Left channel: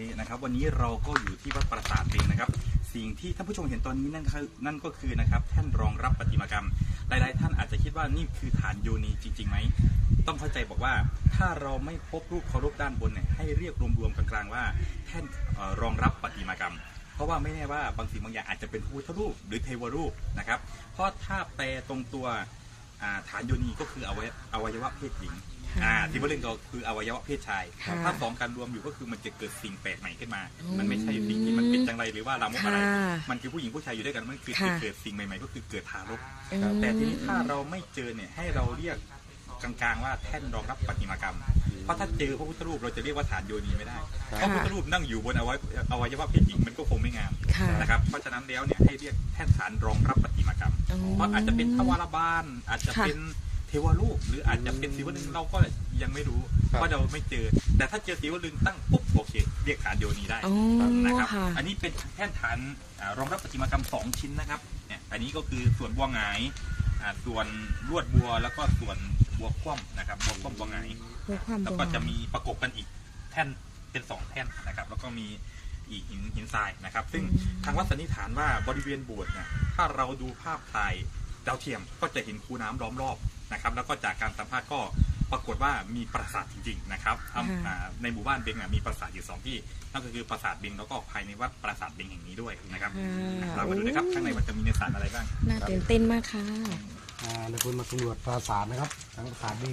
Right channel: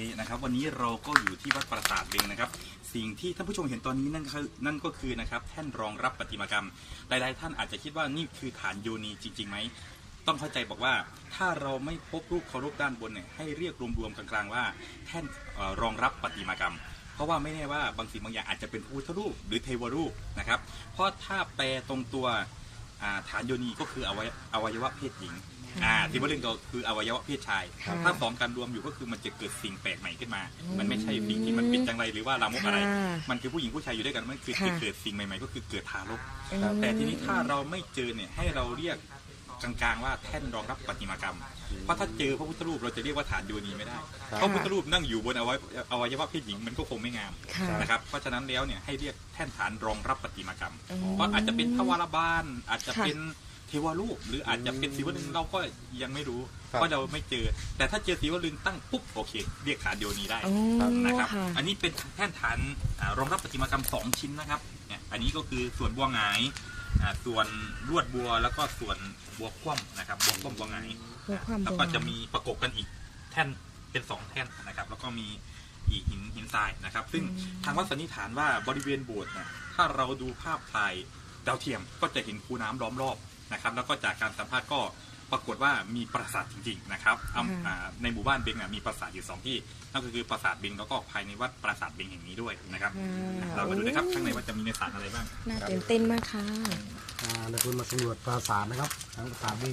นี่นะครับวันนี้เราก็อยู่ที่วัดปราสาทเองนะครับ สิ่งที่ท่านผู้ชมเห็นตอนนี้นั่นคือนั่นก็คือนะครับแท่นรองรับประติมากรรม หลายๆท่านอาจจะคิดว่านี่คือฐานโยนีจริงๆไหมต้องเข้าใจบอกว่าถ้าเราไม่พบรูปเคารพด้านบนเนี่ยให้เรียกรวมๆกลางๆว่าแท่นออรองรับประติมากรรม เพราะว่าไม่แน่ว่าบางสิ่งบางอย่างอาจจะเป็นพุทธรูปหรือเทวรูปนะครับเพราะถ้าแปลตรงตัวฐานโยนีก็คืออวอวัยวะเพศหญิง อ่าที่ว่าเรื่องก็คืออวัยวะเพศชาย ค่ะถ้าสองกันรวมอยู่ก็คือมันจะเกิดสิ่งแปลกใหม่ขึ้นมา อืมมันไม่ใช่สิ่งที่มันเป็นจังไรหรือว่าลามกอะไร ค่ะมันคือผู้หญิงผู้ชายอยู่ด้วยกันมันคือค่ะ เกิดสิ่งใหม่ๆ ก็คือเกิดทารก อืม แต่ทีนี้ถ้าเราไม่เจอเนี่ยให้เราเรียกกลางๆว่าแท่นรองรับปฏิมากรรม เพราะถ้าเจอพระพุทธรูปเราจะเรียกว่าฐานโยนีไม่ได้เพราะพระพุทธรูปนั่งอยู่บนอวัยอวัยวะเพศหญิงมันก็คงไม่งามค่ะนะครับเพราะฉะนั้นแล้วเนี่ยให้เรียกแท่นฐานรองรับปฏิมากรรมอืมเพราะอาจจะเป็นทวารบาลอาจจะค่ะ เป็นเท วรูปหรืออาจจะเป็นศิวลึงเราก็ยังไม่รู้ครับเพราะเราไม่เจอ แต่ถ้าเจอศิวลึงตั้งปุ๊บโอเค เรียกฐานโยนีได้อ๋อนะครับ ค่ะ อันนี้เป็นแท่นฐานอ่ารองรับประติมากรรมสองชิ้นนะครับเนี่ยอันนี้ก็คือส่วนบัวหงายอ่าส่วนลวดบัวแล้วก็ส่วนบัวคว่ำนะครับบัวคว่ำบัวหงายเพื่อความแล้วบัวก็จะมีประกบกันอีกแท่นเป็นสองแท่นนะครับ แล้วก็มีอีกหินหินทรายนะครับ ซึ่งทางวัดสันนิษฐานว่าบริเวณโบสถ์เนี่ยถ้าเราดูภาพถ่าย ดาวเทียมก็จะเห็นคูน้ำล้อมรอบนะครับ แล้วก็จากการสัมภาษณ์ก็ปรากฏว่ามีปราสาทจริงๆนะครับอำอ่าในหมู่บ้านเบงอะมีปราสาทอยู่สองที่นั่นก็คือปราสาทเบงแล้วก็ภายในวัดปราสาทเบงแห่งนี้ด้วยนะครับค่ะเรามาดูนะครับข้างในว่าจะมีเนื้อสารอะไรบ้างน่าตื่นเต้นมากค่ะอ่าในคุณมาสำรวจปราสาทนะครับทั้งปราสาทนี่